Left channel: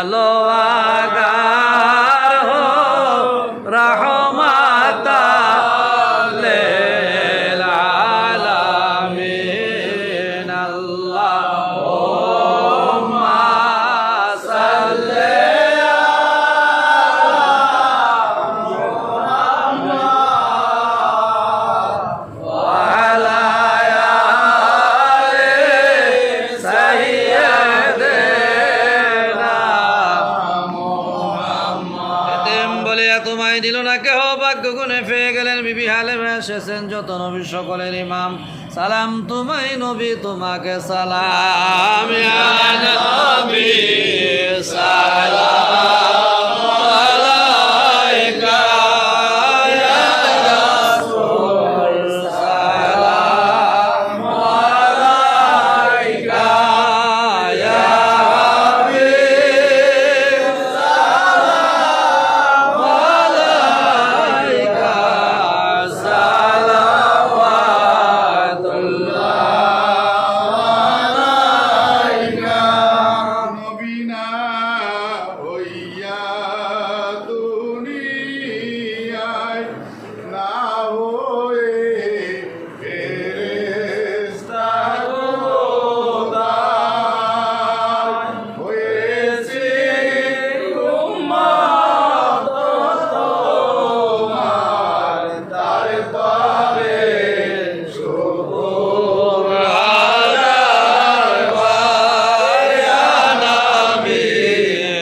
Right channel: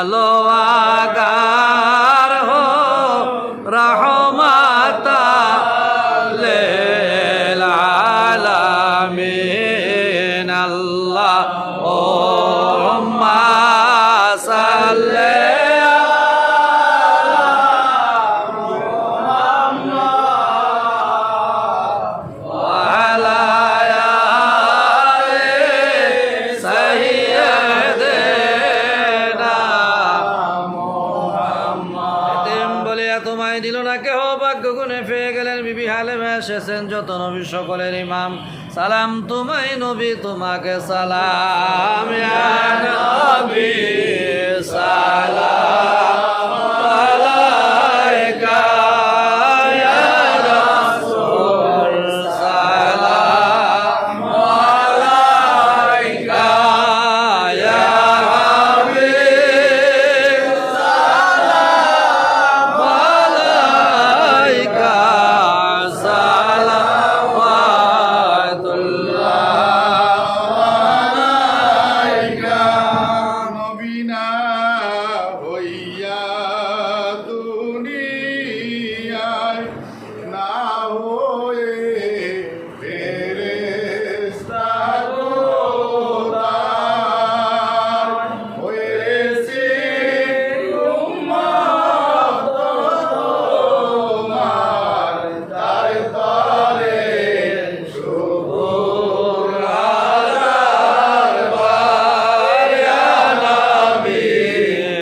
আলো আগার হো রহমাতা লিল আলামিন আল্লাহুম্মা সাল্লি তোমায় দিল না কেহ ভাগ্য গুণে পেয়ে গেলেন বিবি হালেমা এসেছেন যত নবী সকলের ইমাম সালাম তোমায় নবী তোমাকে সালাম ইয়া নবী সালাম